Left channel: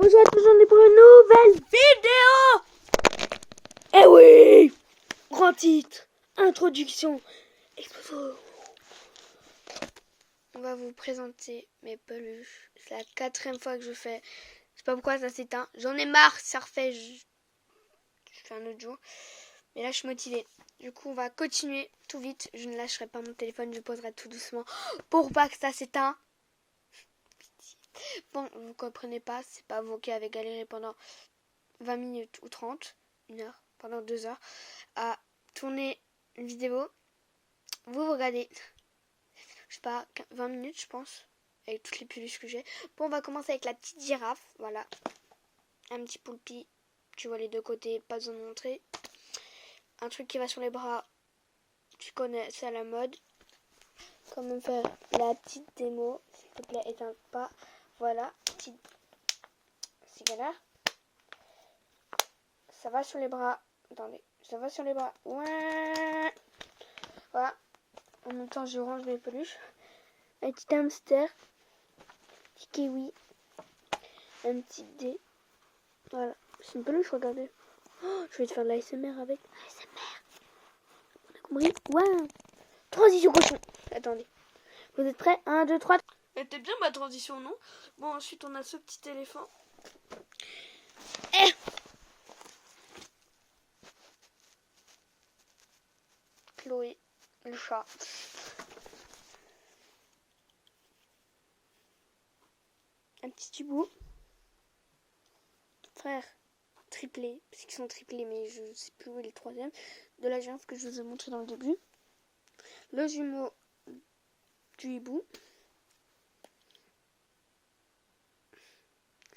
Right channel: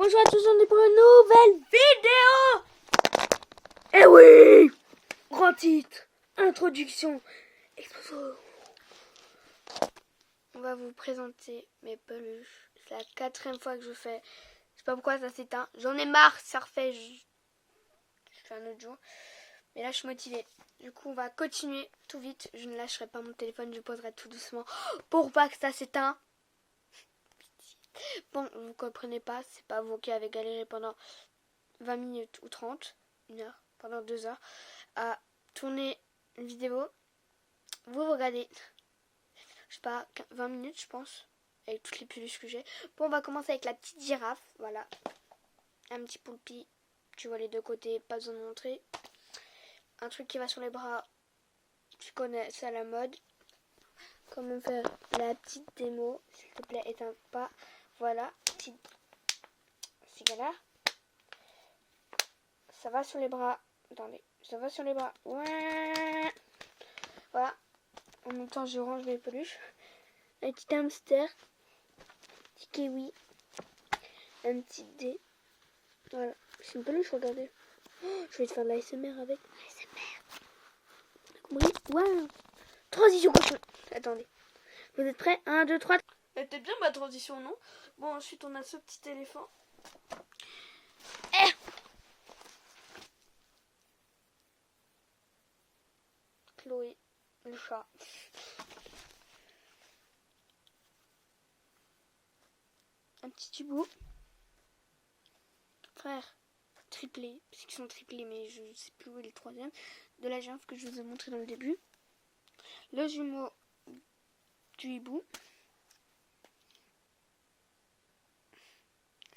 Bonjour à tous, on est pour une nouvelle vidéo. Eh oui, grand titre, introduction, exposé. On va vous présenter mes peluches. C'est la 4e fois que je fais. Je sais pas pourquoi ça s'éteint. J'en ai marre, ça refait. Je fais un autre jour. Mais là, je suis motivée. Du coup, on va continuer tout vite. Je ne lâcherai pas mon téléphone, je poserai tout doucement pour pas que ça s'éteint. Bon, vous comprenez pas, c'est pas vous qui avez galéré pendant 20 minutes ou 30, 1 heure, pendant 2 heures, à tourner une vidéo. Vous regardez, je sais pas, 20 minutes, je pense, avec toutes les peluches que j'ai. Bon, on va commencer avec la petite girafe, voilà. Un petit poulpi, tu vois les deux côtés, pas besoin de montrer. Un truc qui va sur les bras, tu connais, c'est à la mode. Comment faire la petite démo, s'il te plaît, éteins pas. Voilà, petite cigala. Ça va sur les bras. Attendez, ça va sur les bras. Ouais. Voilà. En même temps, je range les peluches. Un petit hamster. Un petit kiwi. Un petit dé. Voilà. C'est une peluche, regardez. Oh, je vais te faire de l'ASMR avec. ASMR. Compris? Ouais. Transition cochon. Attendez. Vous êtes prêts? 1, 2, 3. Elle était bien ma transition, non? Bon, ensuite, on a ce petit éléphant. Chloé, le chat. Un petit hibou. Frère, triplé, parce qu'ils sont triplés, mais je sais plus où est le 3e. De la girafe que je vous ai montré dans le début. Le jumeau du hibou.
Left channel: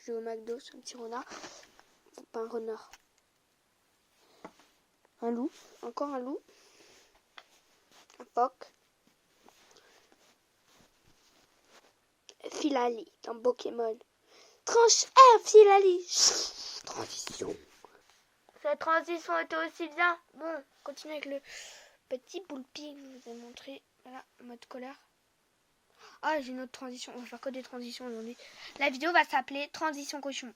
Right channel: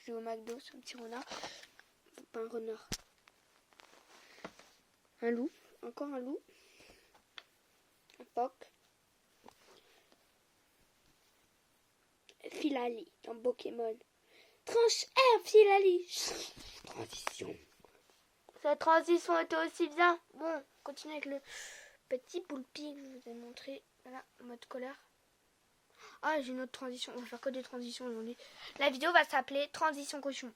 Je vais au McDo, c'est un petit renard. Pas un renard. Un loup. Encore un loup. Un phoque. Filali dans Pokémon. Tranche R, Filali. Transition. Cette transition était aussi bien. Bon, continue avec le petit poulpi que je vous ai montré. Voilà, en mode colère. Ah, j'ai une autre transition. On va faire que des transitions aujourd'hui. La vidéo va s'appeler Transition cochon.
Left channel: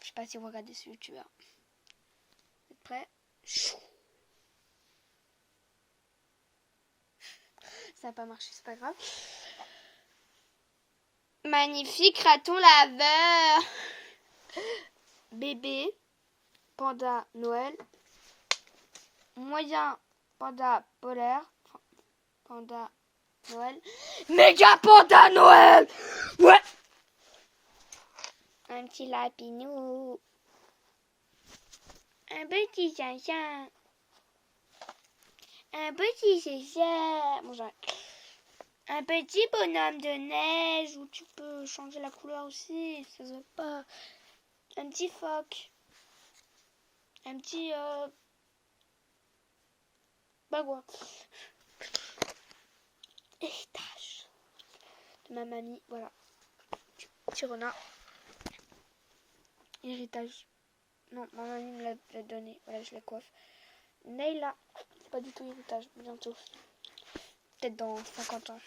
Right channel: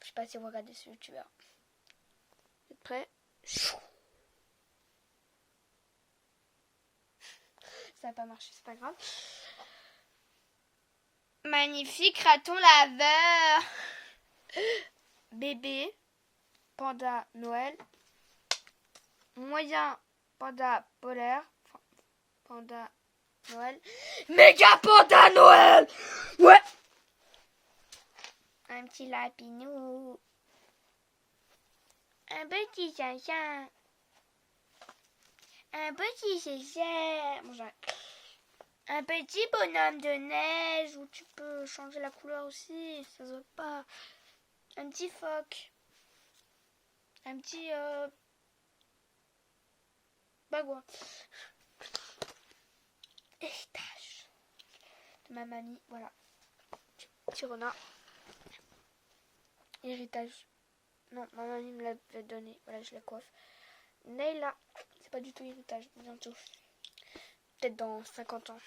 Je sais pas si vous regardez ce youtubeur. Vous êtes prêts? Ça n'a pas marché, c'est pas grave. Magnifique raton laveur. Bébé. Panda Noël. Moyen panda polaire. Panda Noël. Méga panda Noël. Ouais. Un petit lapinou. Un petit chien. Un petit chien. Bon, j'arrête. Un petit bonhomme de neige où tu peux changer la couleur aussi. Ça se voit pas. Un petit phoque. Un petit bagouin. Héritage de ma mamie. Voilà. Petit renard. Héritage. Non, ma mamie me l'a donné. Voilà, je la coiffe. Neyla. C'est pas du tout héritage. Bientôt. Peut-être dans 50 ans.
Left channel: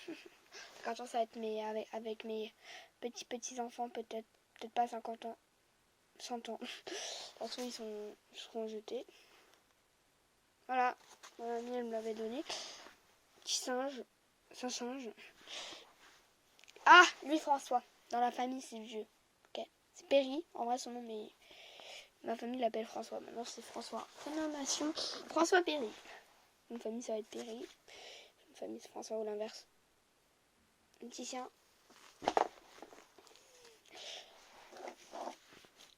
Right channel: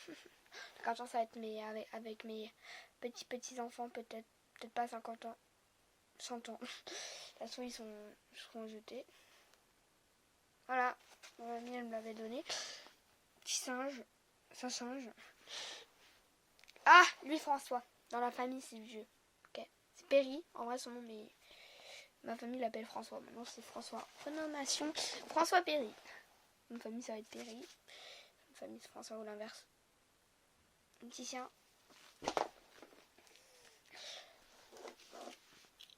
50 ans, ça va être avec mes petits enfants. Peut-être pas 50 ans. 100 ans. De toute façon, ils seront jetés. Voilà. Ma mamie, elle me l'avait donné. Petit singe. C'est un singe. Ah, lui, François. Dans la famille, c'est vieux. Ok. C'est Perry. En vrai, son nom, mais ma famille l'appelle François. Maintenant, c'est François. Nation. François Perry. Une famille, ça va être Perry. Une famille, c'est François ou l'inverse. Un petit chien.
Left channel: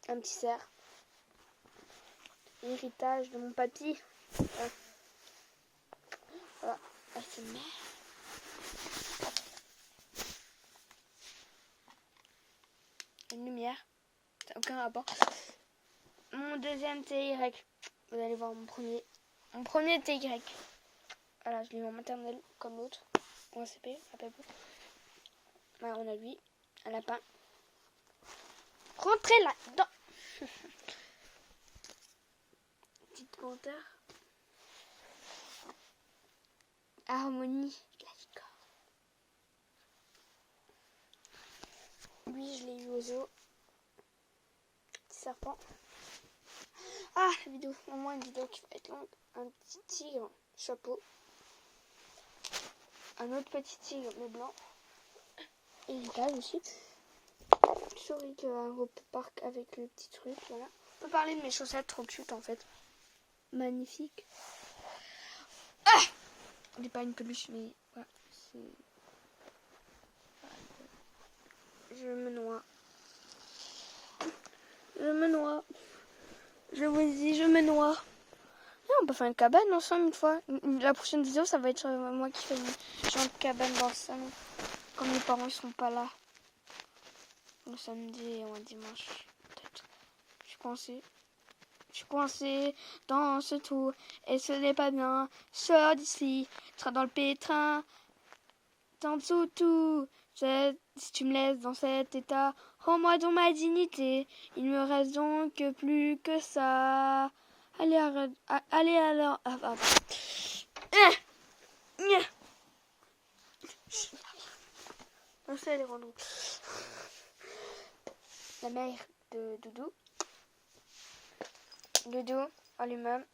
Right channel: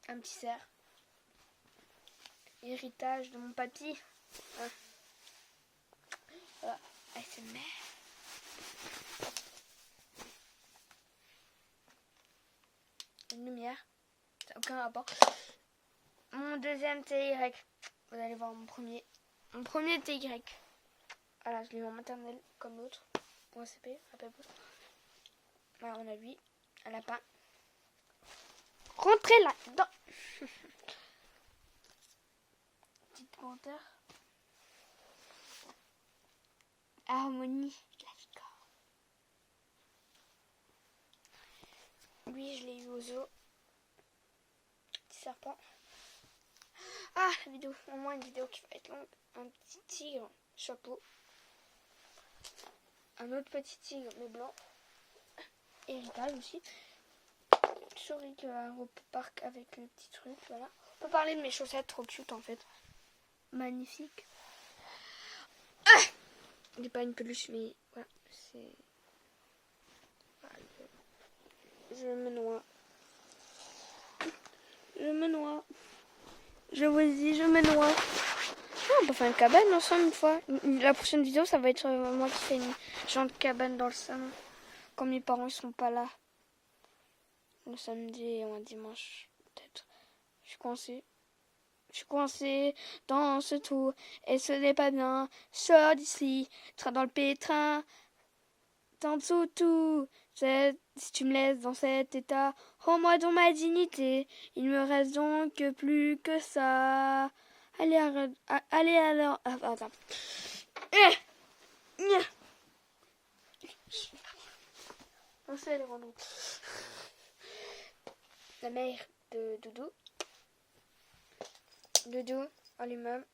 Un petit cerf. Héritage de mon papy. Ouais. Voilà. ASMR. Une lumière. Ça n'a aucun rapport. Mon deuxième TY. Vous allez voir mon premier. Mon premier TY. Voilà, je l'ai eu en maternelle comme l'autre. Ou en CP, rappelez-vous. Voilà, on a lui. Un lapin. Rentrez là-dedans. Petite panthère. Harmonie. La licorne. Lui, je l'ai eu au zoo. serpent. Ah, la vidéo, au moins une vidéo qui va être longue. Un petit tigre, chapeau. Un autre petit tigre, mais blanc. Héritage aussi. Souris que au parc avec le petit truc, voilà. On peut parler de mes chaussettes trop cute en fait. Magnifique. Ah, j'ai pas une peluche, mais voilà, c'est... Je me noie. Je me noie. Je vous dis, je me noie. Oh, on peut faire une cabane ensemble une fois. La prochaine vidéo, ça va être moi qui fais une genre de cabane dans le salon. Quand mes parents ne sont pas là. Le samedi ou un dimanche, peut-être. Je suis coincée. Je suis coincée dans ce trou. Et ce n'est pas bien. Sors d'ici. Tu seras dans le pétrin. T'es en dessous de tout. Si tu me laisses dans cet état, rends-moi donc ma dignité. Il me reste donc plus que ça. Allez, arrête. Allez alors. Ah, pardon. On sait les rendons. La mère de Doudou. Doudou, allumable.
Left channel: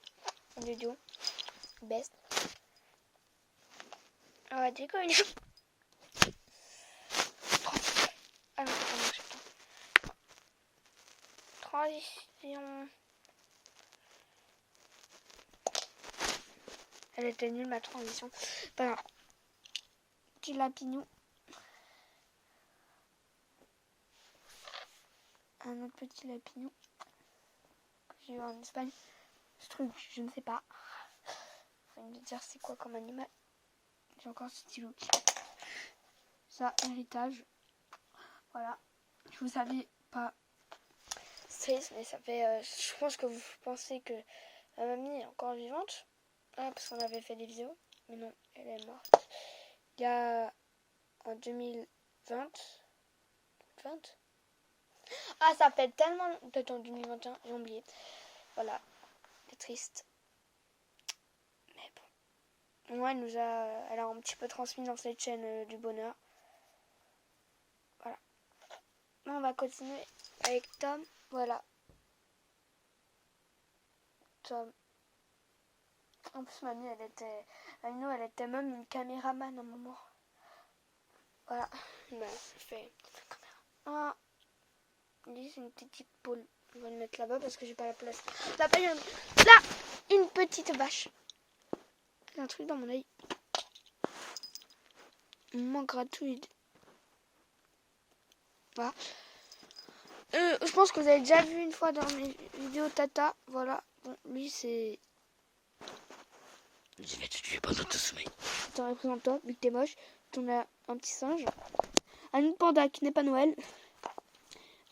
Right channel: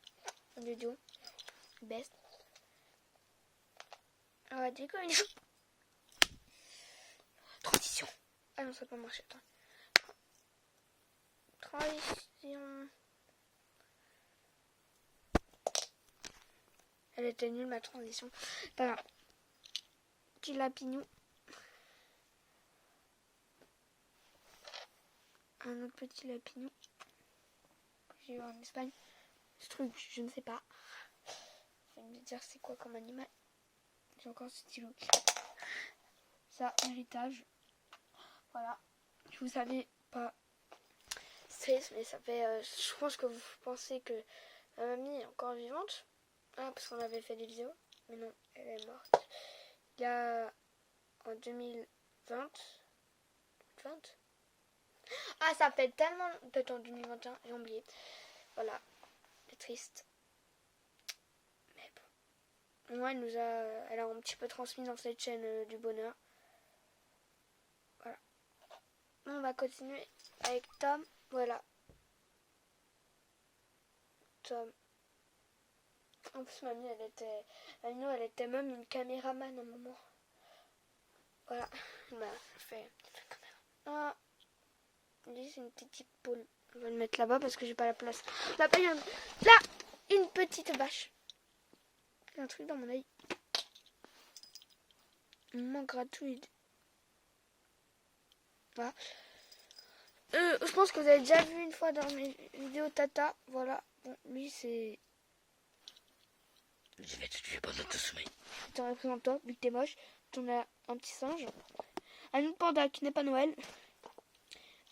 Doudou, best. On va dire une transition. Ah non, c'est pas mon chef. Transition. Elle était nulle ma transition. Pas grave. Petit lapinou. Un autre petit lapinou que j'ai eu en Espagne. Ce truc, je ne sais pas. Faut me dire c'est quoi comme animal. J'ai encore ce stylo. Ça, héritage. Voilà. Je vous savais pas triste, mais ça fait... je pense que vous pensez que ma mamie est encore vivante. Ah, parce qu'on avait fait des vidéos. Mais non, elle est morte. Il y a... en 2020. 20. Ah, ça fait tellement... Peut-être en 2021, j'ai oublié. Voilà. C'est triste. Mais bon. Moi, elle a un petit peu transmis dans cette chaîne du bonheur. Voilà. On va continuer avec Tom. Voilà. Tom. En plus, mamie, elle était même une caméraman à un moment. Voilà. Bah, je fais caméra. Ah. Lui, c'est une petite poule. Je vais le mettre là-bas parce que j'ai pas la place. Là, une petite vache. Il y a un truc dans mon œil. Moment gratuit. Voilà. Je pense que vous avez déjà vu une fois dans mes vidéos Tata. Voilà. Bon, lui, c'est... Je vais te tuer pendant ton sommeil. Je t'en représente toi, vu que t'es moche. T'en as un petit singe. Un autre panda qui n'est pas Noël.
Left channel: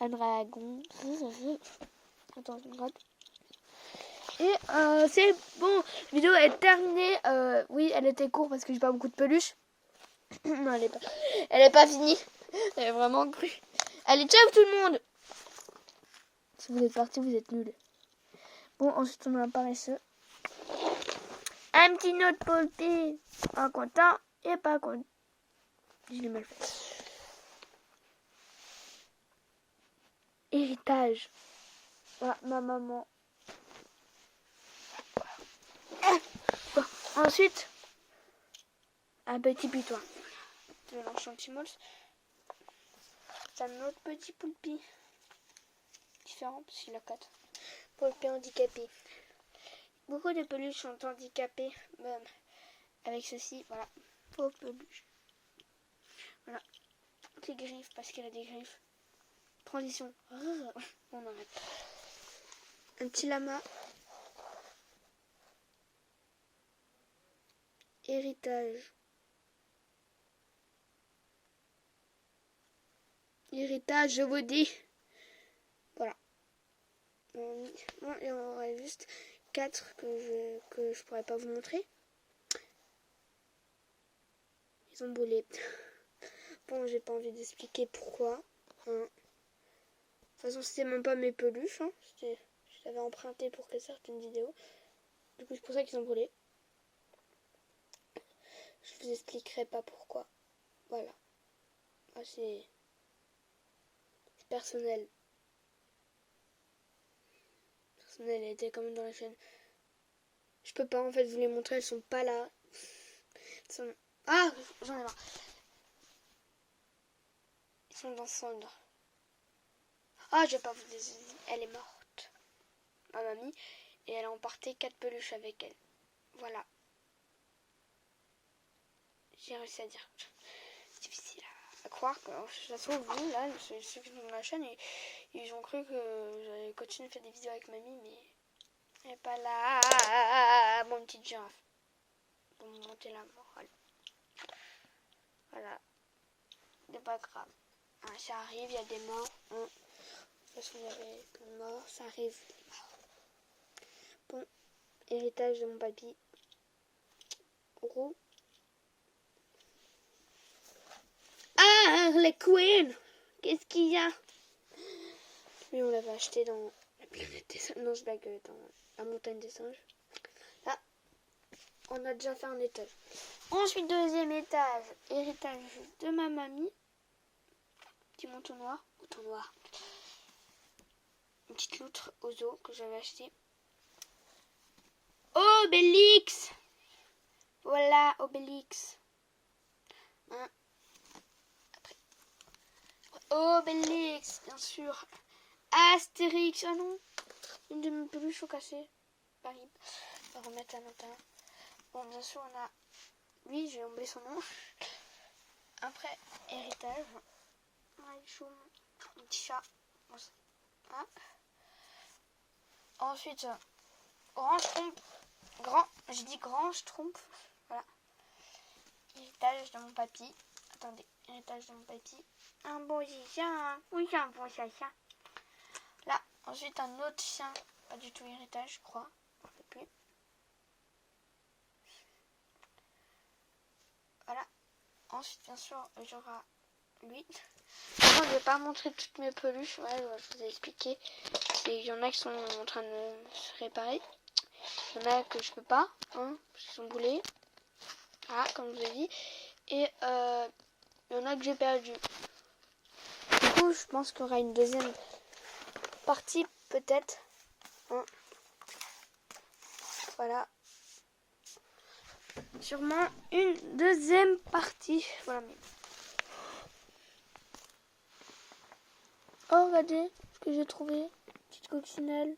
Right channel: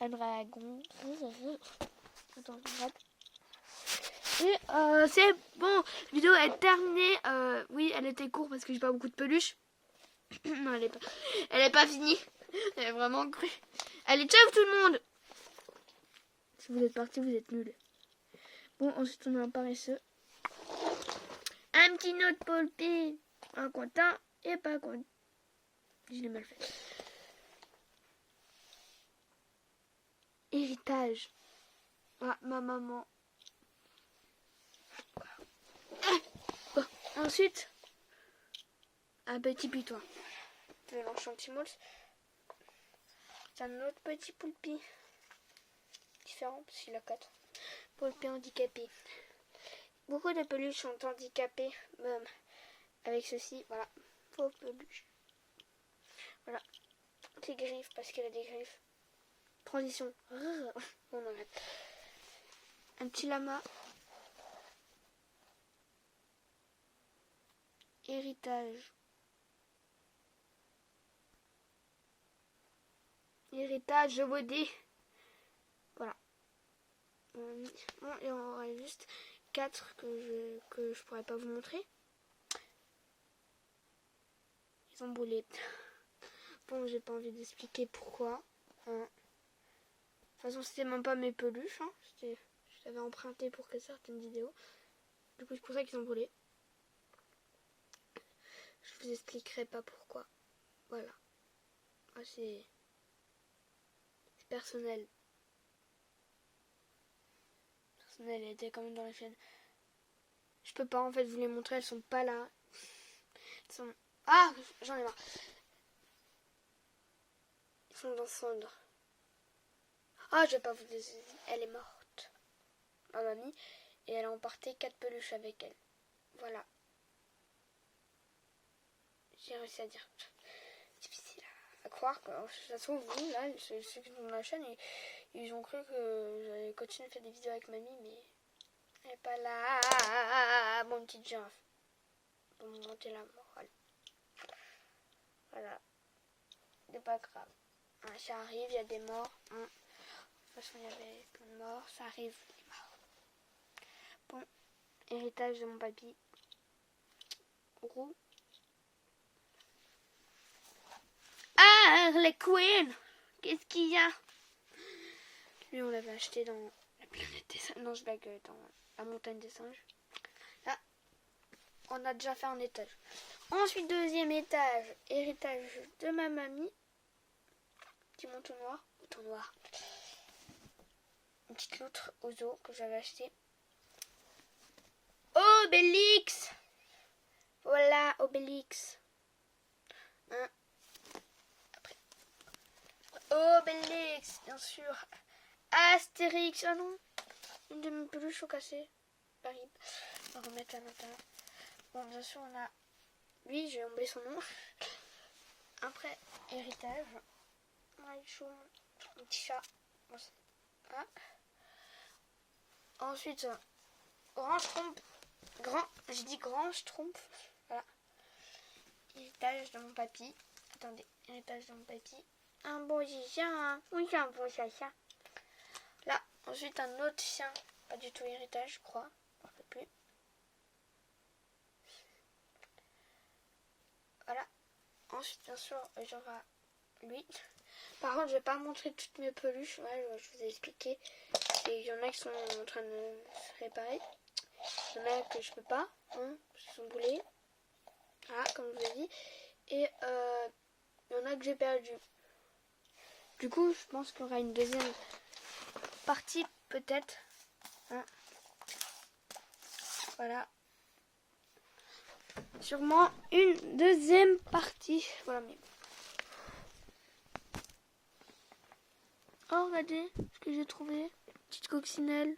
Un dragon. Attends, je gratte. Et c'est bon. La vidéo est terminée. Oui, elle était courte parce que j'ai pas beaucoup de peluches. Non, elle est pas finie. Elle est vraiment crue. Allez, ciao tout le monde. Si vous êtes partis, vous êtes nuls. Bon, ensuite on a un paresseux. Un petit note polpé. Un content et pas content. Je l'ai mal fait. Héritage. Ah, ma maman. Bon, ensuite, un petit putois. De l'enchantimals. C'est un autre petit poulpi. Différent parce qu'il a 4. Poulpi handicapé. Beaucoup de peluches sont handicapées. Même avec ceci, voilà. Pauvre peluche. Voilà. Petit griffe parce qu'il a des griffes. Transition. On arrête. Un petit lama. Héritage. Héritage, je vous dis. Voilà. Bon, il y en aura juste 4 que je pourrais pas vous montrer. Ils ont brûlé. Bon, j'ai pas envie d'expliquer pourquoi. Hein. De toute façon, c'était même pas mes peluches. Hein. Je l'avais emprunté pour que certaines vidéos. Du coup, c'est pour ça qu'ils ont brûlé. Je vous expliquerai pas pourquoi. Voilà. Ah, c'est personnel. Elle était quand même dans la chaîne. Je peux pas en fait vous les montrer, elles sont pas là. Elles sont... Ah, j'en ai marre. Ils sont dans cendre. Ah, je vais pas vous dire. Elle est morte. Ma mamie. Et elle a emporté 4 peluches avec elle. Voilà. J'ai réussi à dire. C'est difficile à croire. Que, ça se trouve, vous, là, ceux qui sont dans la chaîne, ils ont cru que j'allais continuer à faire des vidéos avec mamie, mais elle est pas là. Mon petit girafe. Pour me monter la morale. Voilà. C'est pas grave. Hein, ça arrive, il y a des morts. Hein. De toute façon, il y avait plein de morts. Ça arrive, les morts. Bon, héritage de mon papy. Roux. Ah, les Queen. Qu'est-ce qu'il y a? Lui, on l'avait acheté dans la planète des singes. Non, je blague, dans la montagne des singes. Là, on a déjà fait un étage. Ensuite, deuxième étage. Héritage de ma mamie. Petit manteau noir. Manteau noir. Une petite loutre aux os que j'avais acheté. Obélix. Voilà, Obélix. Hein. Après, Obélix, bien sûr. Astérix. Ah non. Une de mes peluches au cassé. Paris. On va remettre à l'intérieur. Bon, bien sûr, on a... Lui, j'ai oublié son nom. Après, héritage. Un petit chat. Ah. Ensuite, grand schtroumpf. Je dis grand schtroumpf. Voilà. Héritage de mon papy. Attendez, héritage de mon papy. Un bon chien. Oui, c'est un bon chien. Là, ensuite un autre chien. Pas du tout héritage, je crois. Je ne sais plus. Voilà. Ensuite, bien sûr, j'aurai lui. Maintenant, je vais pas montrer toutes mes peluches. Ouais, je vous ai expliqué. Il y en a qui sont en train de se réparer. Il y en a que je peux pas, hein, parce qu'ils sont boulés. Ah, comme je vous ai dit. Et il y en a que j'ai perdu. Du coup, je pense qu'il y aura une deuxième partie, peut-être. Hein. Voilà. Sûrement une deuxième partie. Voilà, mais... Oh, regardez ce que j'ai trouvé. Petite coccinelle.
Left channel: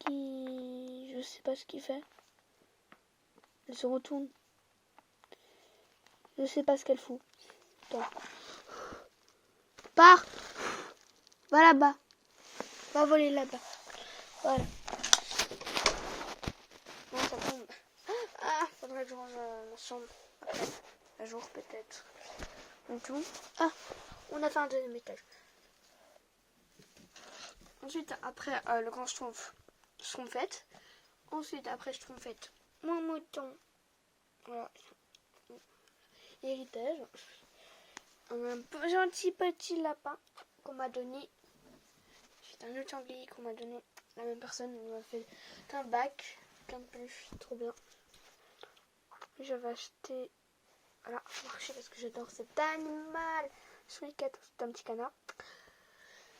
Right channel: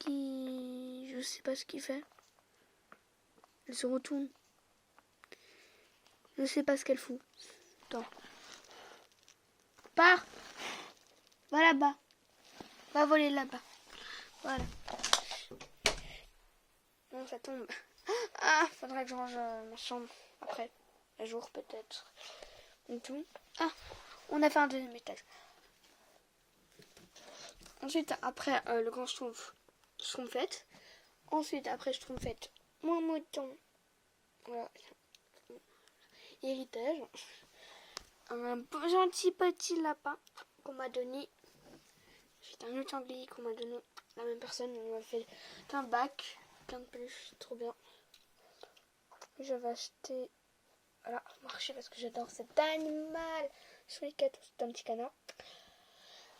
Qui... Je sais pas ce qu'il fait. Elle se retourne. Je sais pas ce qu'elle fout. Attends. Pars. Va là-bas. Va voler là-bas. Voilà. Non, ça tombe. Ah, faudrait que je range ma chambre après. Un jour peut-être. Et tout. Ah, on a fait un deuxième étage. Ensuite, après le grand schtroumpfette. Ensuite, après schtroumpfette, mon mouton. Voilà. Héritage. Un gentil petit lapin qu'on m'a donné. C'est un autre sanglier qu'on m'a donné. La même personne m'a fait un bac. Plein de peluches, c'est trop bien. J'avais acheté... Voilà, marché parce que j'adore cet animal. C'est un petit canard.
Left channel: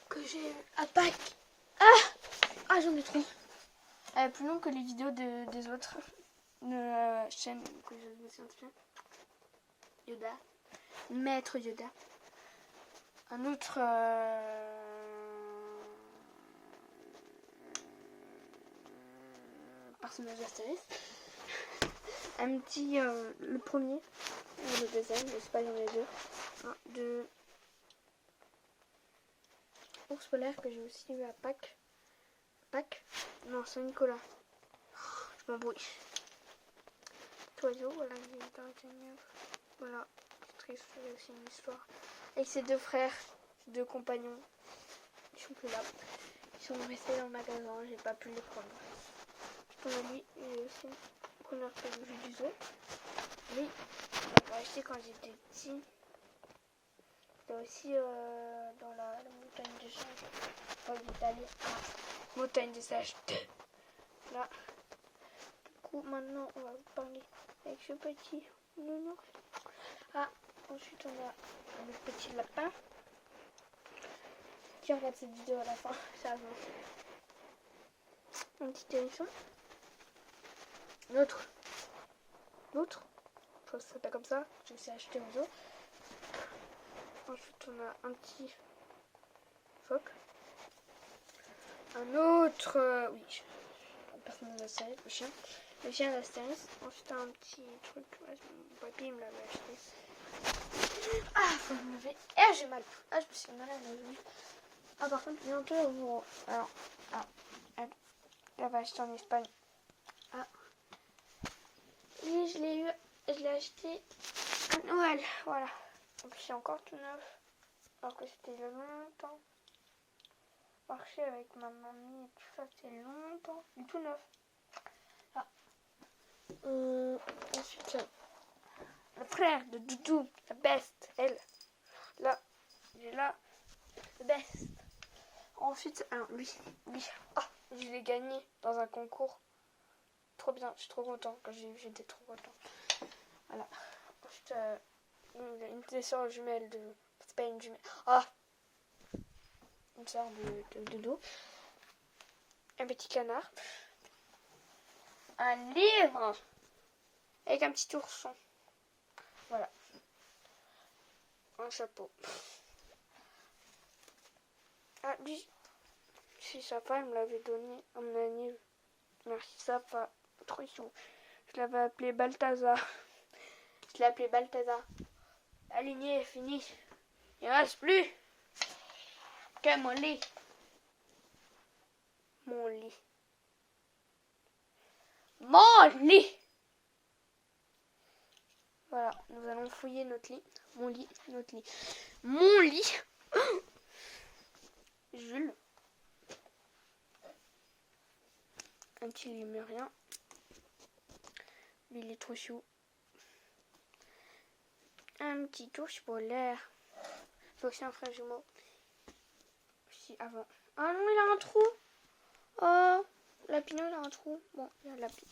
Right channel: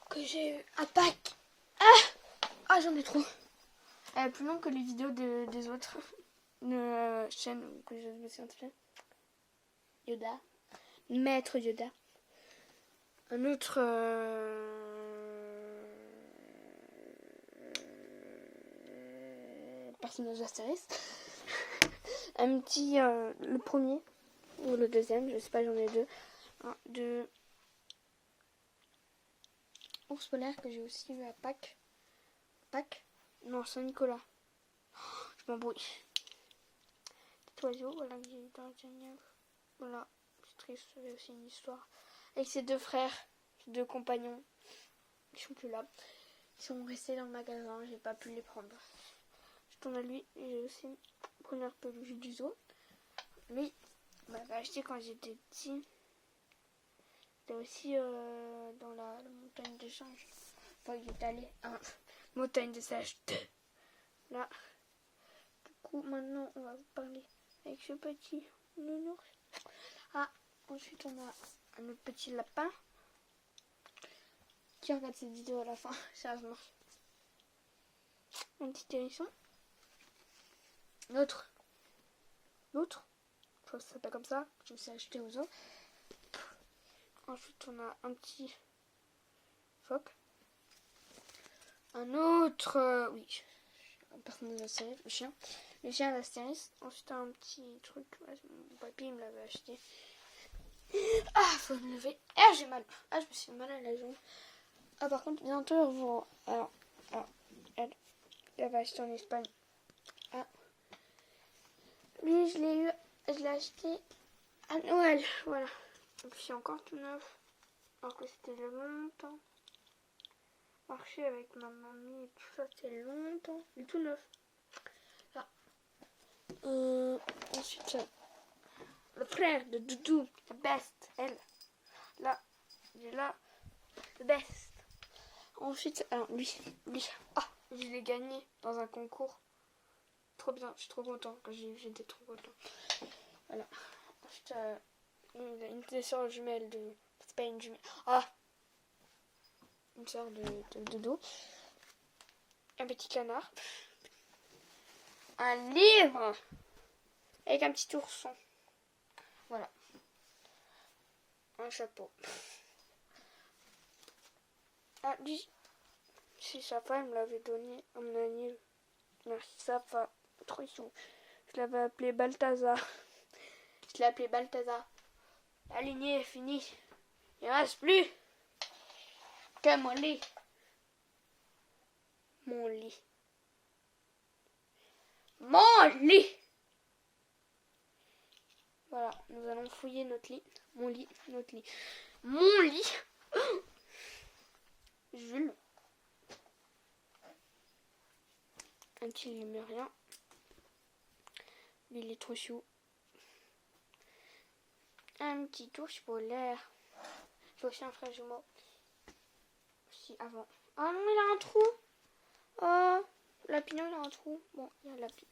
Que j'ai eu à Pâques. Ah, j'en ai trop. Plus long que les vidéos des autres chaînes que je me suis inscrite. Yoda. Maître Yoda. Un autre... personnage d'Astérix. Un petit... le premier. Ou le deuxième. Je sais pas, j'en ai deux. De... Ours polaire que j'ai aussi eu à Pâques. Pâques? Non, Saint-Nicolas. Je m'embrouille. Cet oiseau, voilà, il est dans le Genève. Voilà, c'est triste, j'ai aussi une histoire. Avec ses deux frères, ses deux compagnons. Ils sont plus là. Ils sont restés dans le magasin, j'ai pas pu les prendre. Je t'en ai dit, j'ai aussi une première peluche du zoo. Lui, on l'avait acheté quand j'étais petit. C'était aussi dans la montagne des singes. Enfin, il est allé à la montagne des singes. Là. Du coup, maintenant, on va parler avec ce petit nounours. Ah, ensuite, on a le petit lapin qui regarde cette vidéo à la fin, sérieusement. Un petit hérisson. L'autre. Je crois que ça s'appelle comme ça. Je me suis acheté aux autres. Ensuite, on a un petit phoque. Un autre, oui, personne d'Astérix, le chien. Le chien d'Astérix. Ensuite, un petit truc. Ouais, mon papy me l'avait acheté. Ah, faut me lever. Ah, j'ai mal. Ah, je me suis mal à la jambe. Ah, par contre, bientôt, vous. Alors, elle l'avait acheté en Espagne. Ah. Lui, je l'ai acheté à Noël. Voilà. Donc, c'est encore tout neuf. Alors que c'était il y a longtemps. Marcher avec ma mamie et tout ça, c'était longtemps. Il est tout neuf. Ah. Ensuite, le frère de Doudou, la best, elle. Là, il est là. Le best. Ensuite, alors lui, oh, je l'ai gagné dans un concours. Trop bien, je suis trop content. Quand j'ai vu, j'étais trop content. Voilà. Ensuite, une sœur jumelle de. C'est pas une jumelle. Ah! Une sœur de Dodo. Un petit canard. Un livre! Avec un petit ourson. Voilà. Un chapeau. Ah, lui, si sa femme me l'avait donné à mon anniversaire. Merci, ça va. Trop chou. Je l'avais appelé Balthazar. Je l'ai appelé Balthazar. La lignée est finie. Il ne reste plus qu'à mon lit. Mon lit. Mon lit! Voilà, nous allons fouiller notre lit. Mon lit, notre lit. Mon lit! Jules. Un petit lémurien. Il est trop chou. Un petit ours polaire. C'est aussi un frère jumeau. Si, avant. Ah non, il a un trou. Oh, Lapino, il a un trou. Bon, il y a Lapino.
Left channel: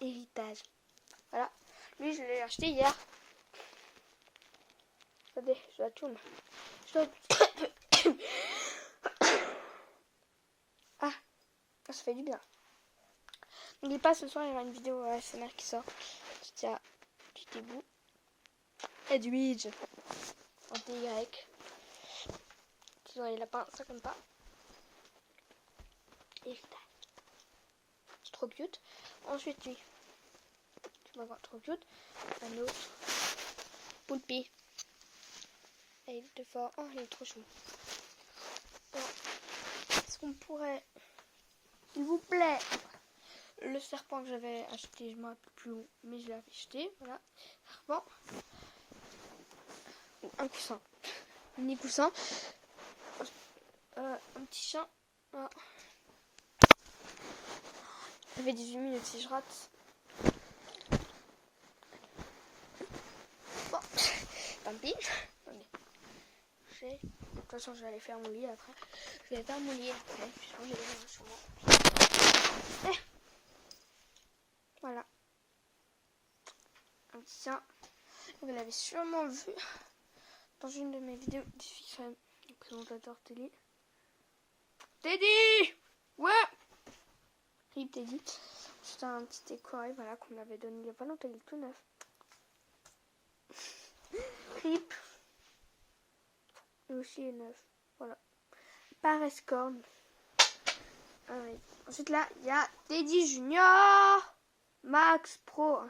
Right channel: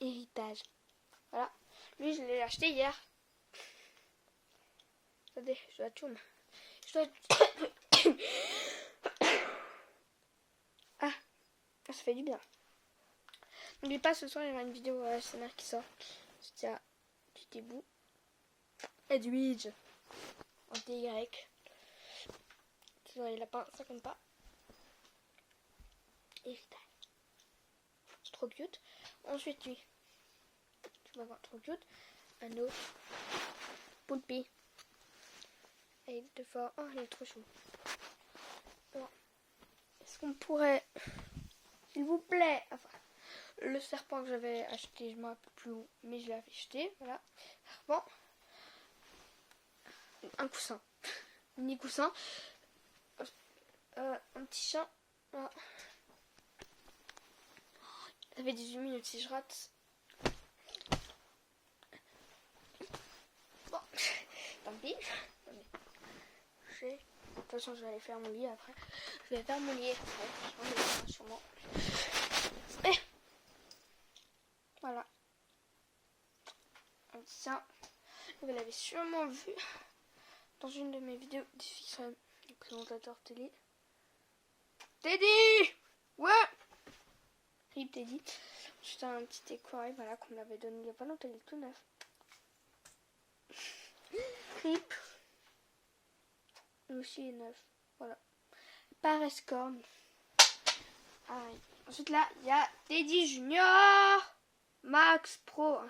Héritage. Voilà. Lui, je l'ai acheté hier. Attendez, je la tourne. Ah, ça fait du bien. N'oubliez pas, ce soir, il y aura une vidéo ASMR qui sort. C'était à petit bout. Edwidge. En TY. Sinon, les lapins, ça compte pas. Héritage. C'est trop cute. Ensuite, lui. Tu vas voir, trop cute. Un autre. Poulpi. Et il est de fort. Oh, il est trop chou. Bon. Est-ce qu'on pourrait, s'il vous plaît, le serpent que j'avais acheté, je ne me rappelle plus où, mais je l'avais acheté. Voilà. Bon. Un coussin. Un mini coussin. Un petit chien. Ah. Ça fait 18 minutes si je rate. Bon, tant pis. De toute façon, je vais aller faire mon lit après. Je vais faire mon lit après. Je vais aller sûrement. Et voilà. Un petit chien. Vous l'avez sûrement vu dans une de mes vidéos des filles les présentateurs télé. Teddy! Ouais! Rip Teddy. C'était un petit écureuil, voilà, qu'on m'avait donné il n'y a pas longtemps, il est tout neuf. Rip. Lui aussi est neuf. Voilà. Parescorn. Ah, oui. Ensuite là, il y a Teddy Junior. Max Pro.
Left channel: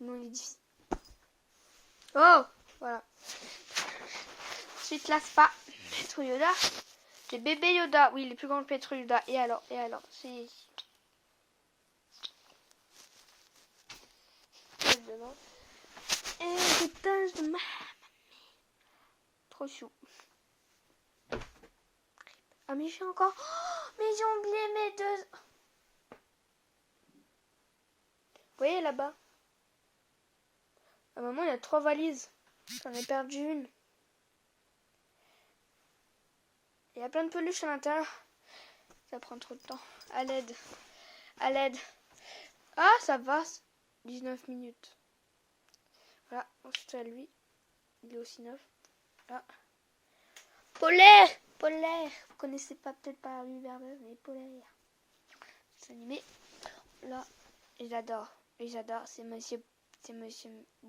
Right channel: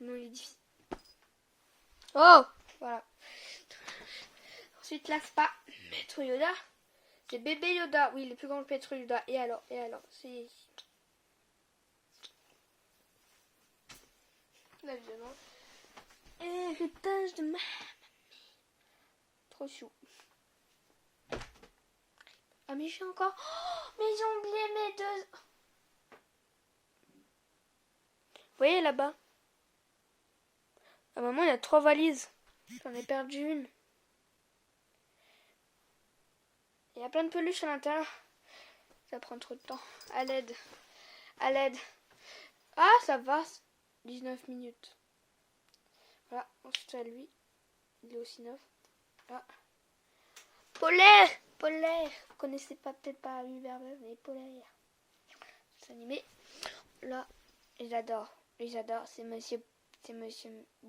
Non, il est difficile. Oh! Voilà. Ensuite là, c'est pas Maître Yoda. C'est bébé Yoda. Oui, il est plus grand que Maître Yoda. Et alors, c'est... Héritage de ma mamie. Trop chou. Ah mais j'ai encore... Oh, mais j'ai oublié mes deux... Vous voyez là-bas? À un moment, il y a 3 valises. J'en ai perdu une. Il y a plein de peluches à l'intérieur. Ça prend trop de temps. À l'aide. À l'aide. Ah, ça va. 19 minutes. Voilà. Ensuite, à lui. Il est aussi neuf. Ah. Polaire! Polaire. Vous connaissez pas, peut-être pas Hubert-Buzz, mais Polaire. C'est animé. Là, ils adorent. C'est Monsieur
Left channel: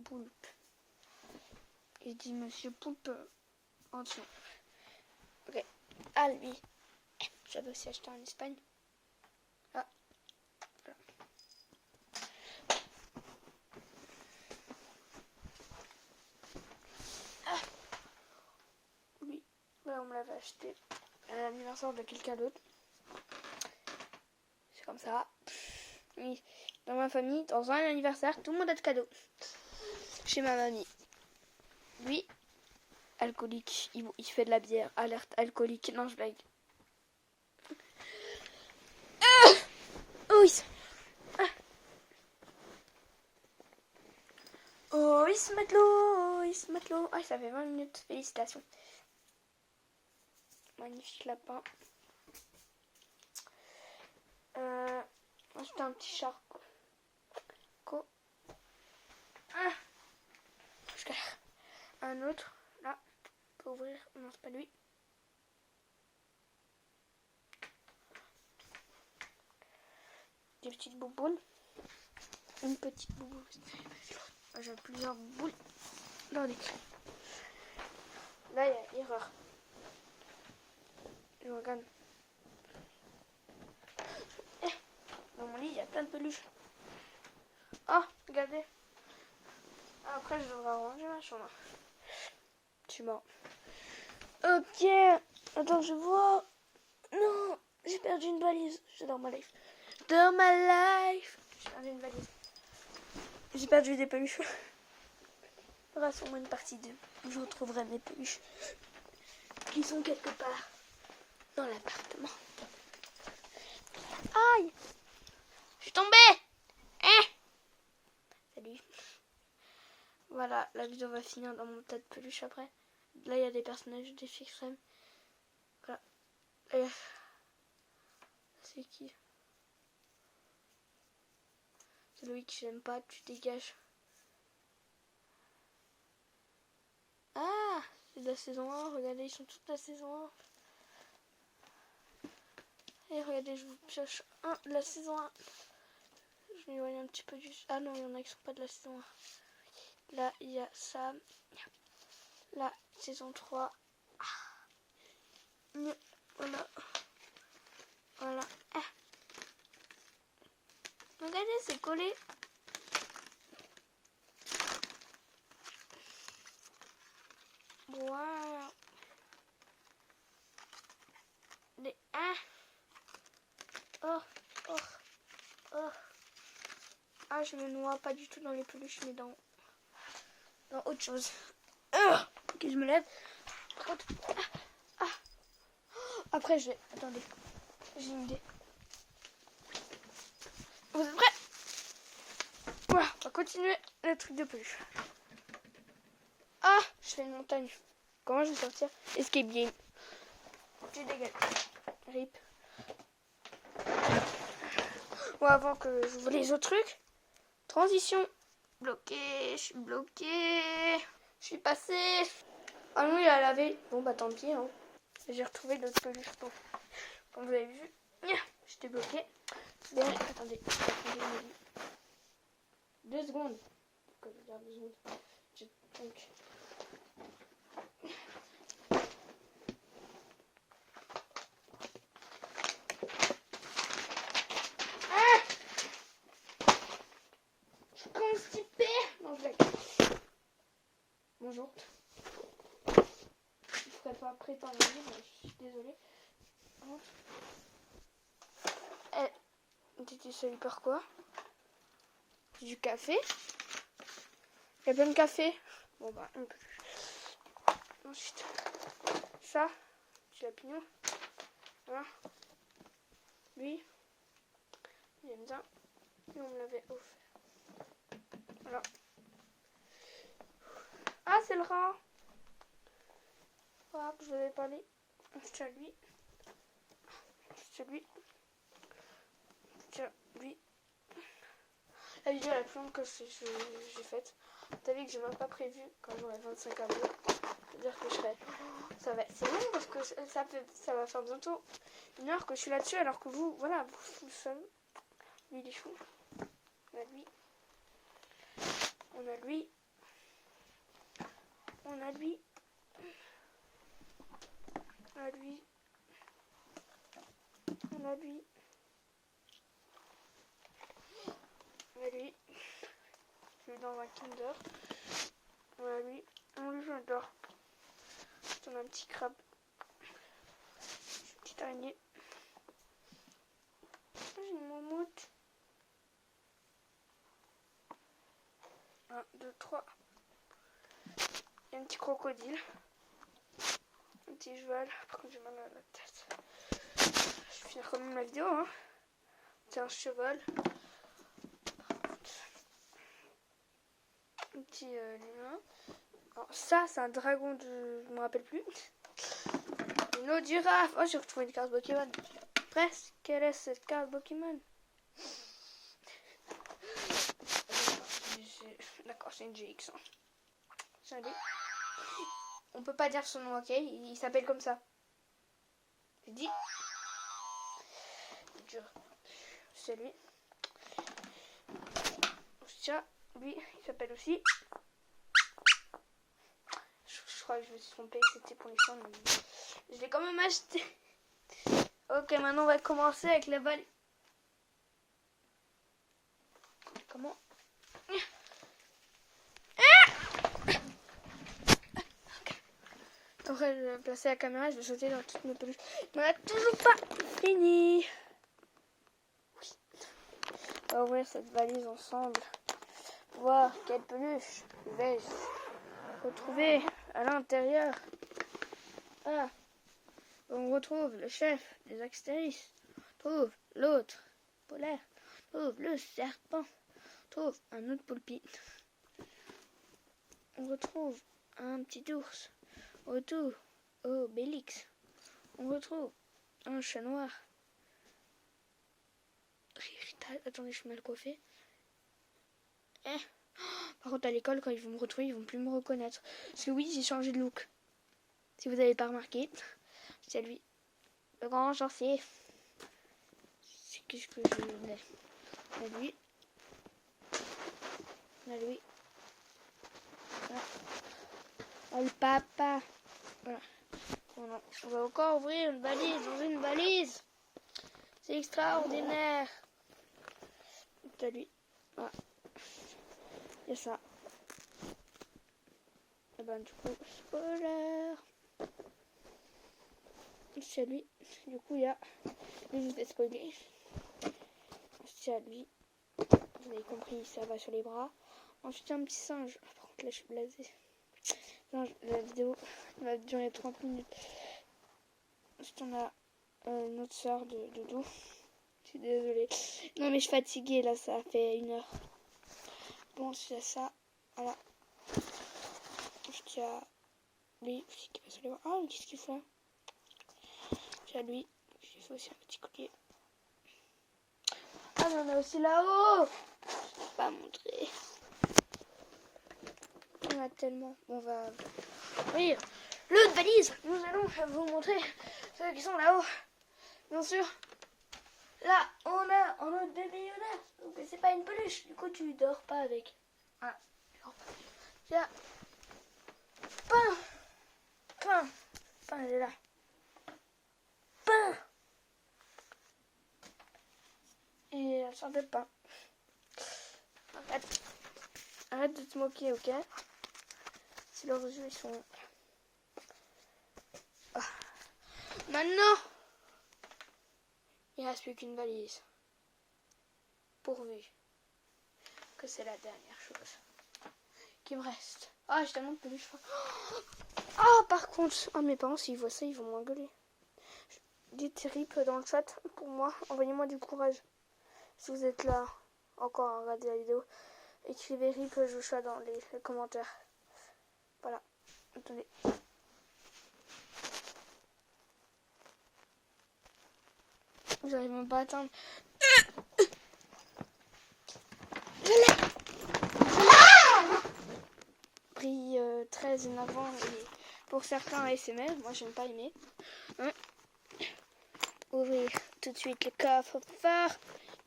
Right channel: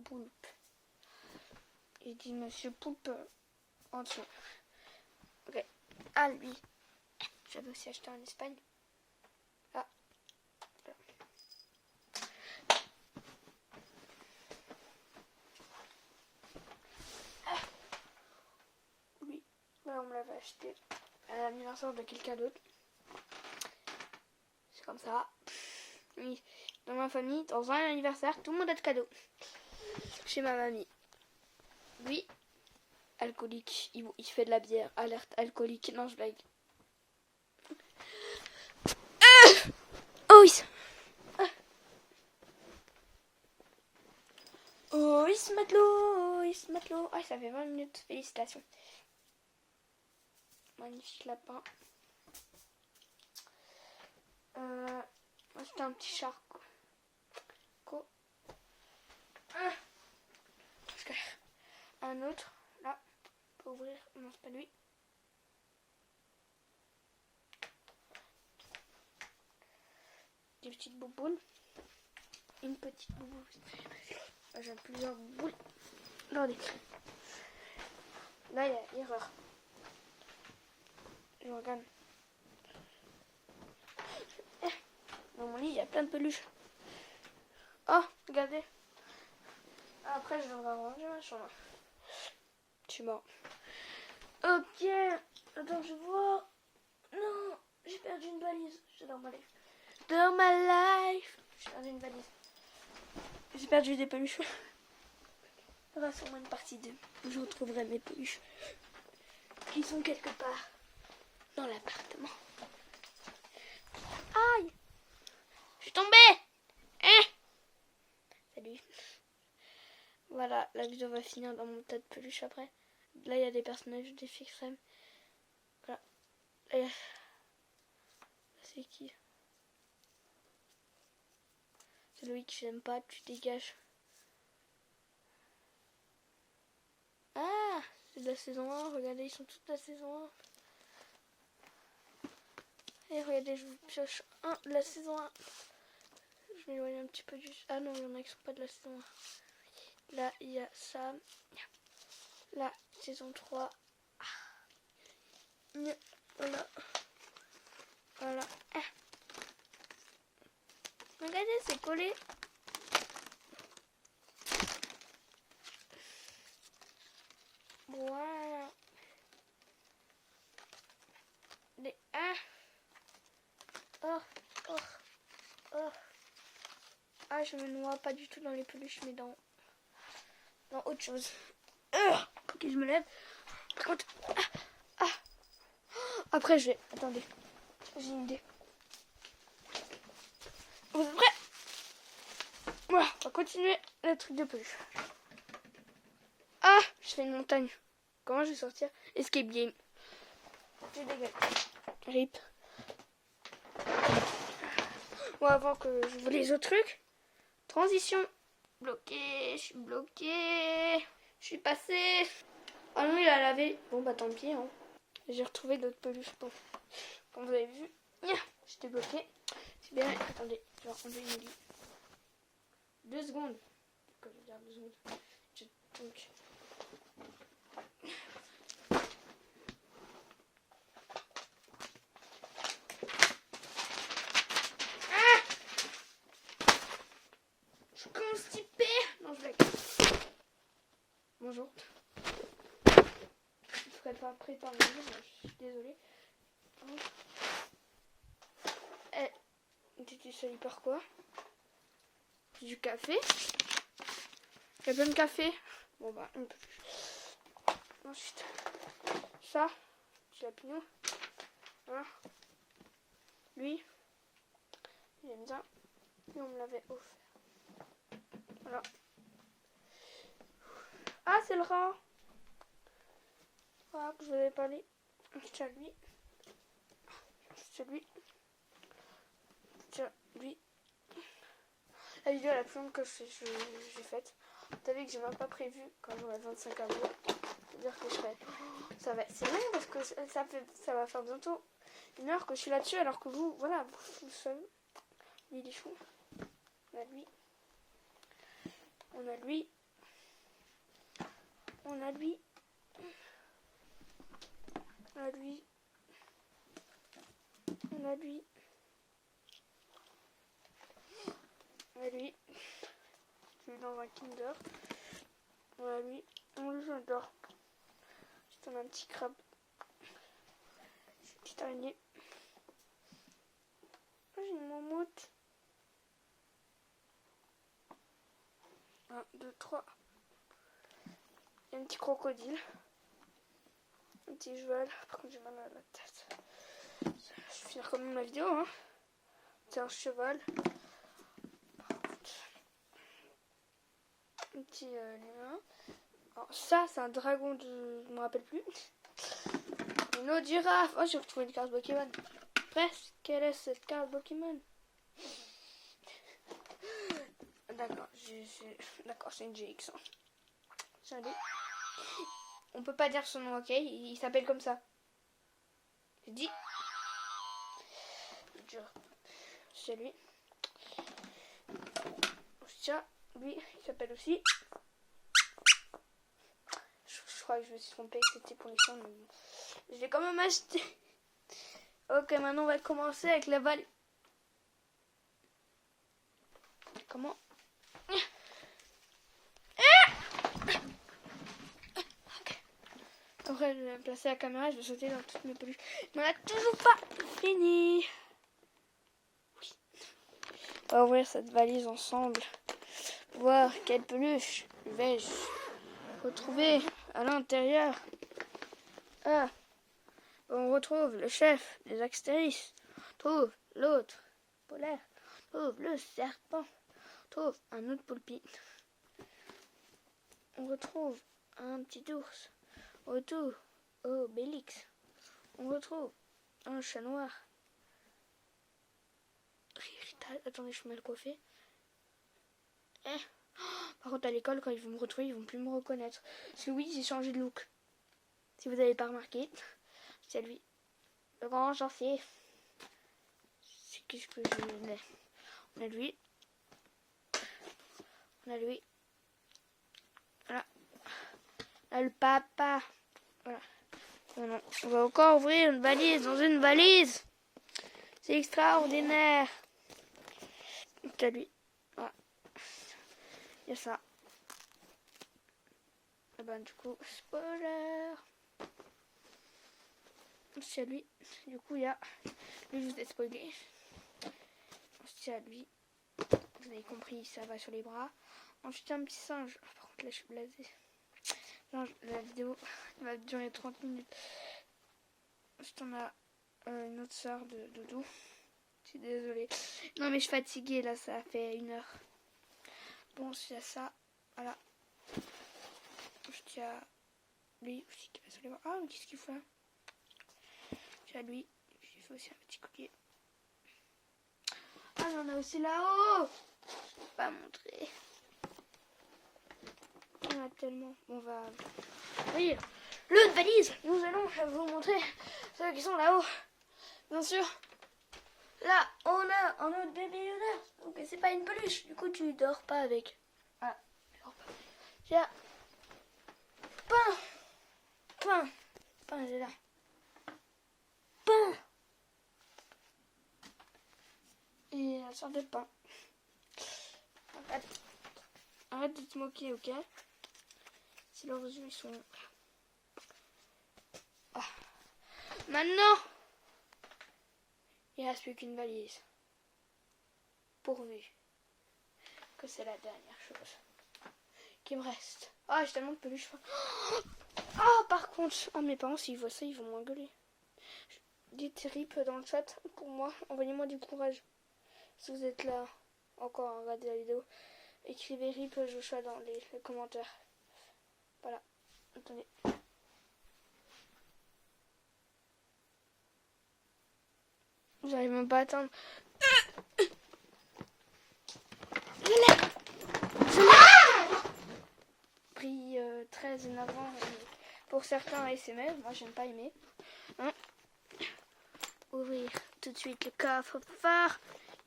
Poulpe. Il dit Monsieur Poulpe en dessous. Ok. Ah, lui. J'avais aussi acheté en Espagne. Ah. Voilà. Lui. Là, on me l'avait acheté à l'anniversaire de quelqu'un d'autre. C'est comme ça. Oui. Dans ma famille, dans un anniversaire, tout le monde a de cadeaux. Chez ma mamie. Lui, alcoolique. Il fait de la bière. Alerte alcoolique. Non, je blague. Oh oui. Oh oui, ce matelot. Oh oui, ce matelot. Ah, ça fait 20 minutes. Félicitations. Magnifique lapin. C'était un petit charco. Un autre. Là. On peut ouvrir. Non, c'est pas lui. Des petites bouboules. Une petite bouboule. J'ai plusieurs boules. Regardez. Là, il y a erreur. Je regarde. Dans mon lit, il y a plein de peluches. Oh, regardez. Après, je devrais ranger ma chambre. Je suis mort. Ok. Attends, je vois. Non, j'ai perdu une valise. C'est dans ma life. Dans ma life. J'ai perdu une valise. J'ai perdu des peluches. Il y aura sûrement une partie 2 où je retrouverai mes peluches qui sont quelque part dans l'appartement. Aïe! Je suis tombée! Hein? Salut. Voilà, la vidéo va finir dans mon tas de peluches après. Là, il y a des personnages des filles crème. Voilà. Et... c'est qui? C'est Loïc, j'aime pas, tu dégages. Ah! C'est de la saison 1, regardez, ils sont tous de la saison 1. Et regardez, je vous pioche un de la saison 1. Je m'éloigne un petit peu du... Ah non, il y en a qui sont pas de la saison 1. Là, il y a Sam. La saison 3. Voilà. Voilà. Ah. Regardez, c'est collé. Wow. Les... Ah. Oh. Oh. Oh. Ah, je me noie pas du tout dans les peluches, mais dans autre chose. Ok, je me lève. Par contre... Après, je vais... Attendez. J'ai une idée. Vous êtes prêts? Voilà, on va continuer le truc de peluche. Ah, je fais une montagne. Comment je vais sortir? Escape game. Je dégage. Rip. Bon, avant que j'ouvre les autres trucs. Transition. Bloqué. Je suis bloqué. Je suis passé. Ah non, il a lavé. Bon, bah tant pis. Hein. J'ai retrouvé d'autres peluches. Bon. Comme vous avez vu, j'étais bloqué. Bien, attendez. Attendez, 2 secondes. Pourquoi je garde 2 secondes? Donc... je suis constipée. Non, je blague. Bonjour. Je ne ferai pas prétendre, je suis désolée. T'étais salué par quoi? Du café. Il y a plein de café. Bon bah, un peu. Ensuite, ça, petit lapignon. Voilà. Lui, il aime bien. Et on me l'avait offert. Voilà. Ah, c'est le rat. Voilà, que je vais parler. C'est lui. C'est lui. C'est lui. La vidéo la plus longue que j'ai faite. T'as vu que j'ai même pas prévu quand j'aurai 25 abonnés. C'est-à-dire que je serai... Ça va... C'est long parce que ça va faire bientôt 1 heure que je suis là-dessus, alors que vous, voilà, vous le savez. Lui, il est chou. On a lui. On a lui. On a lui. On a lui. On a lui. On a lui. Je suis dans un Kinder. On a lui. On lui, j'adore. On a un petit crabe. Une petite araignée. J'ai une moumoute. 1, 2, 3. Il y a un petit crocodile. Un petit cheval. Par contre, j'ai mal à la tête. Je vais finir quand même la vidéo. Hein. C'est un cheval. Un petit humain. Alors, ça, c'est un dragon de... Je me rappelle plus. Une autre girafe. Oh, j'ai retrouvé une carte Pokémon. Presque. Quelle est cette carte Pokémon? D'accord, c'est une GX. Hein. C'est un D. On peut pas dire son nom, ok? Il s'appelle comme ça. J'ai dit. C'est lui. Tiens, lui, il s'appelle aussi. Je crois que je me suis trompée, que c'était pour les chiens, mais je l'ai quand même acheté. Ok, maintenant on va commencer avec la valise. Comment? Après, je vais placer la caméra, je vais sauter dans toutes mes peluches. Mais on n'a toujours pas fini. Oui. On va ouvrir cette valise ensemble. Voir quelle peluche vais-je retrouver à l'intérieur. Ah, on retrouve le chef des Astéris. Trouve l'autre polaire. Trouve le serpent. Trouve un autre poulpi. On retrouve un petit ours. Autour, Obélix. On retrouve un chat noir. Attendez, je suis mal coiffée. Par contre, à l'école, quand ils vont me retrouver, ils vont plus me reconnaître. Parce que oui, j'ai changé de look. Si vous n'avez pas remarqué, c'est lui. Le grand sorcier. C'est qu'est-ce que je mets? On a lui. On a lui. Voilà. Le papa. Voilà. On va encore ouvrir une valise dans une valise. C'est extraordinaire. C'est lui. Voilà. Il y a ça. Et ben du coup, spoiler. C'est lui. Du coup, il y a... Je vous ai spoilé. C'est à lui. Vous avez compris, ça va sur les bras. Ensuite, un petit singe. Par contre, là, je suis blasée. Non, la vidéo va durer 30 minutes. Ensuite, on a une autre sœur de doudou. Je suis désolée. Non, mais je suis fatiguée, là, ça fait 1 heure. Bon, c'est ça. Voilà. Ensuite, il y a lui aussi qui va sur les bras. Ah, qu'est-ce qu'il fait? Il y a lui. J'ai fait aussi un petit collier. Ah, mais on a aussi là-haut. Je vais pas montrer. On a tellement. On va ouvrir l'autre valise. Nous allons vous montrer ceux qui sont là-haut. Bien sûr. Là, on a un autre bébé Yoda. Donc, c'est pas une peluche. Du coup, tu dors pas avec. Ah, tu dors pas. Il y a Pain, elle est là. Pain. Et elle sort de pain. Arrête de te moquer, ok? Si leurs yeux, ils sont... Ah. Maintenant, il ne reste plus qu'une valise. Pourvu que c'est la dernière chose qui me reste. Ah, j'ai tellement de peluche. Ah, par contre, mes parents, s'ils voient ça, ils vont m'engueuler. Dites RIP dans le chat pour moi. Envoyez-moi du courage. Si vous êtes là encore à regarder la vidéo, écrivez RIP Joshua dans les commentaires. Voilà. Attendez. Vous n'allez même pas attendre. Je l'ai pris très énervant et pour certains ASMR, moi j'aime pas aimer. Hein? Ouvrir tout de suite le coffre fort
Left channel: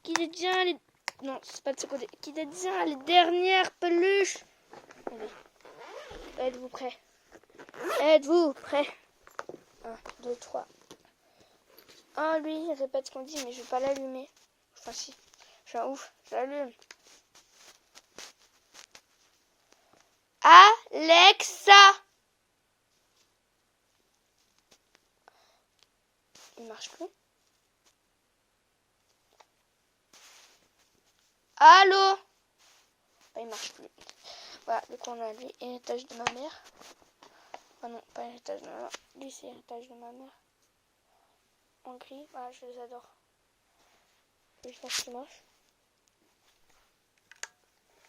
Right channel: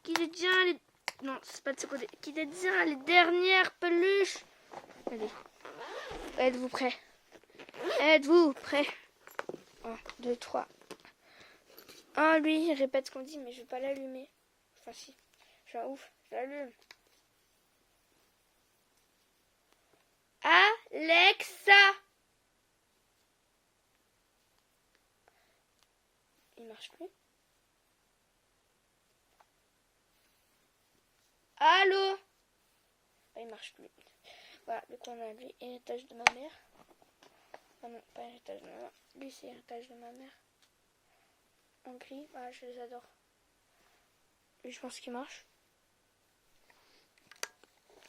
qui détient les... Non, c'est pas de ce côté. Qui détient les dernières peluches. Allez. Êtes-vous prêts? Êtes-vous prêts? 1, 2, 3. Ah, lui, il répète ce qu'on dit, mais je vais pas l'allumer. Enfin, si. Je suis un ouf. Je l'allume. Alexa! Il marche plus. Allô? Il marche plus. Voilà, du coup on a lui, héritage de ma mère. Ah non, pas héritage de ma mère. Lui c'est héritage de ma mère. En gris, voilà, je les adore. Et je pense qu'il marche.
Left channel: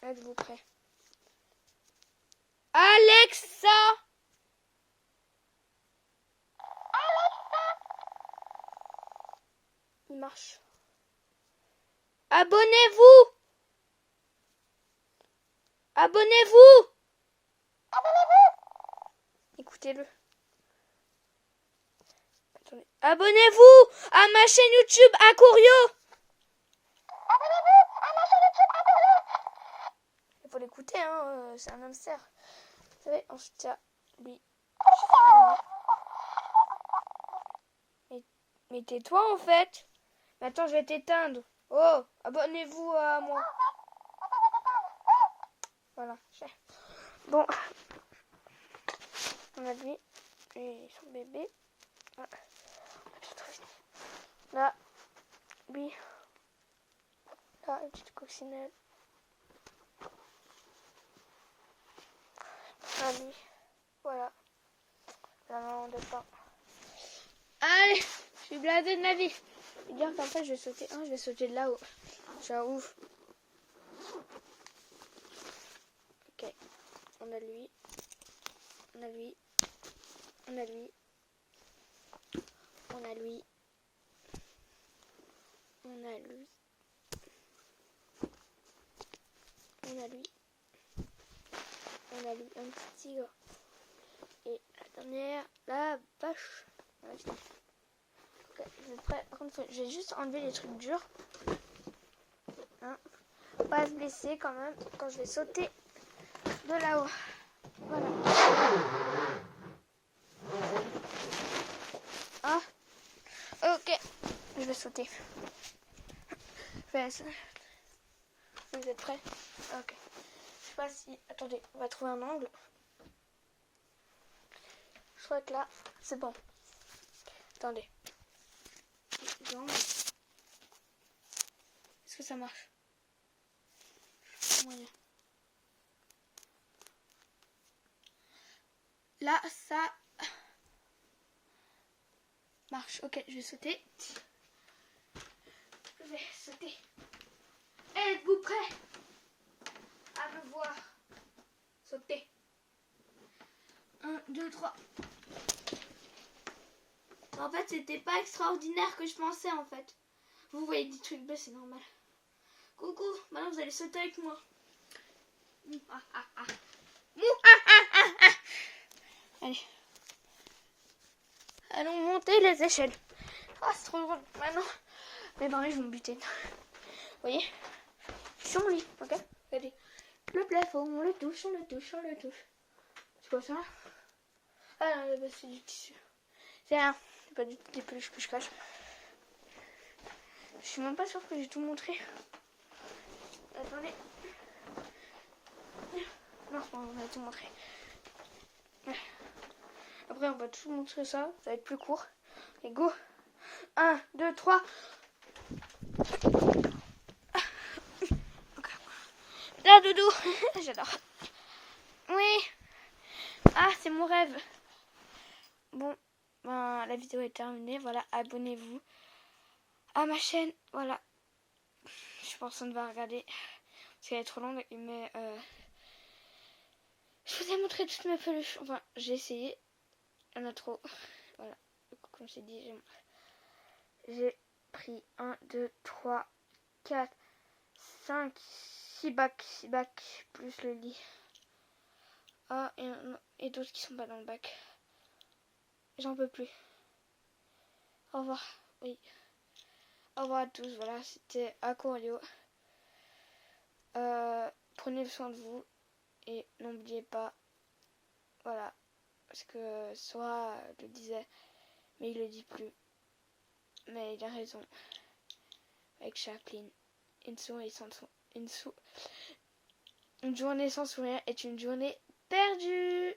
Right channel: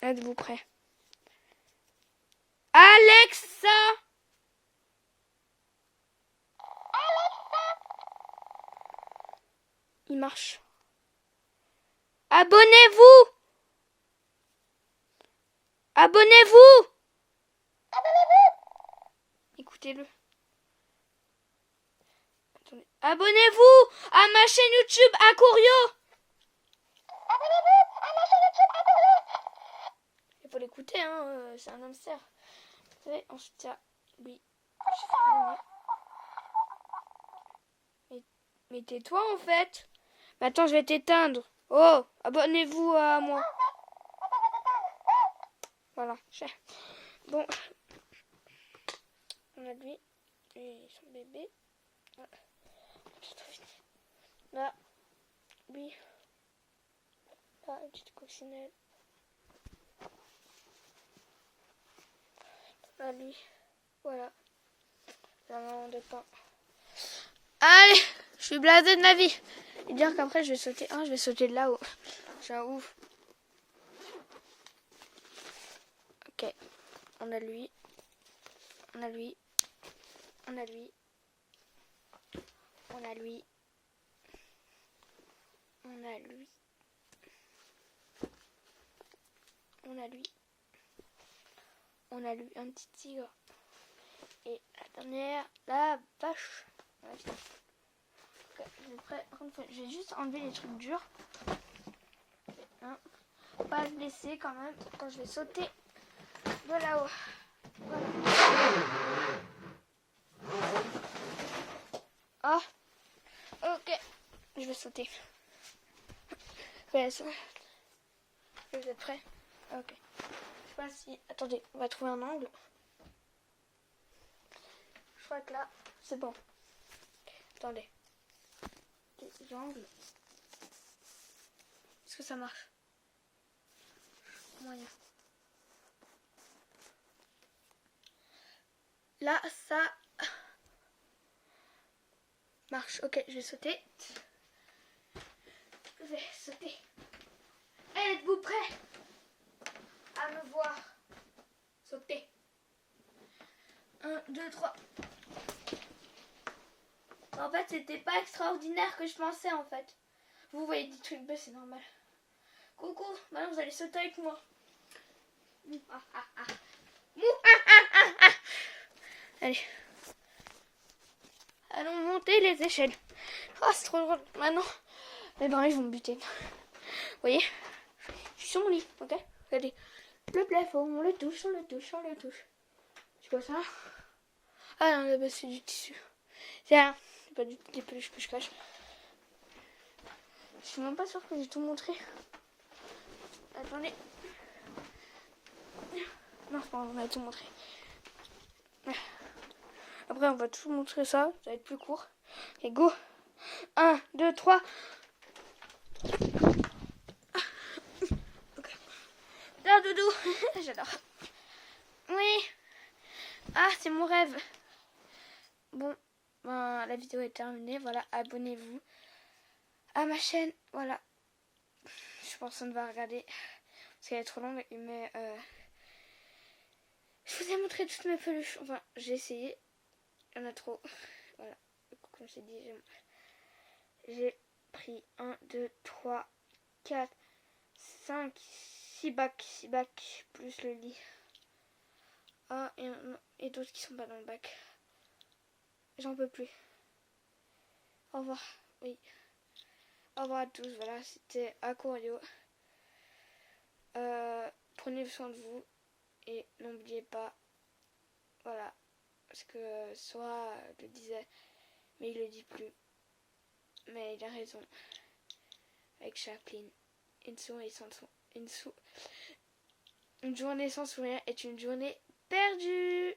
Êtes-vous prêts? Alexa! Il marche. Abonnez-vous! Abonnez-vous! Écoutez-le. Attendez. Abonnez-vous à ma chaîne YouTube Akurio! Il faut l'écouter, hein, c'est un hamster. Vous savez, ensuite il y a lui. Mais tais-toi en fait. Mais attends, je vais t'éteindre. Oh, abonnez-vous à moi. Voilà. Bon. On a lui et son bébé. Voilà. Là, lui. Là, une petite coccinelle. Là, lui. Voilà. La maman de pain. Allez, je suis blasé de ma vie. Et dire qu'en fait, je vais sauter. Je vais sauter de là-haut. C'est un ouf. Ok. On a lui. On a lui. On a lui. On a lui. On a lui. On a lui. On a lui un petit tigre. Et la dernière, la vache. Ok, je vais prêt. Je vais juste enlever les trucs durs. Hein. Pas se blesser quand même quand je vais sauter de là-haut. Voilà. Ah. Ok. Je vais sauter. Je vais essayer. Vous êtes prêts? Ok. Je sais pas si... Attendez, on va trouver un angle. Je crois que là, c'est bon. Attendez. L'angle. Est-ce que ça marche? Moyen. Là, ça marche. Ok, je vais sauter. Je vais sauter. Êtes-vous prêts à me voir sauter? 1, 2, 3. En fait, c'était pas extraordinaire que je pensais en fait. Vous voyez des trucs bleus, c'est normal. Coucou, maintenant vous allez sauter avec moi. Allez. Allons monter les échelles. Oh, c'est trop drôle. Maintenant, les barils vont me buter. Vous voyez? Je suis sur mon lit, ok? Regardez. Le plafond, on le touche, on le touche, on le touche. C'est quoi ça? Ah non, là-bas, c'est du tissu. C'est rien. C'est pas des peluches que je cache. Je suis même pas sûre que j'ai tout montré. Attendez. Non, c'est pas grave, on a tout montré. Ouais. Après, on va tout montrer ça. Ça va être plus court. Et go. 1, 2, 3. Ah, doudou. J'adore. Oui. Ah, c'est mon rêve. Bon, ben, la vidéo est terminée. Voilà, abonnez-vous à ma chaîne. Voilà. Je pense qu'on va regarder. Parce qu'elle est trop longue. Mais je vous ai montré toutes mes peluches. Enfin, j'ai essayé. Il y en a trop. Voilà. Comme j'ai dit, j'ai pris 1, 2, 3, 4, 5, 6 bacs. 6 bacs plus le lit. Ah, et d'autres qui sont pas dans le bac. j'en peux plus. Au revoir. Oui. Au revoir à tous. Voilà, c'était Aquario. Prenez soin de vous. Et n'oubliez pas. Voilà. Parce que Sora le disait. Mais il le dit plus. Mais il a raison. Avec Chaplin. Une journée sans sourire est une journée perdue.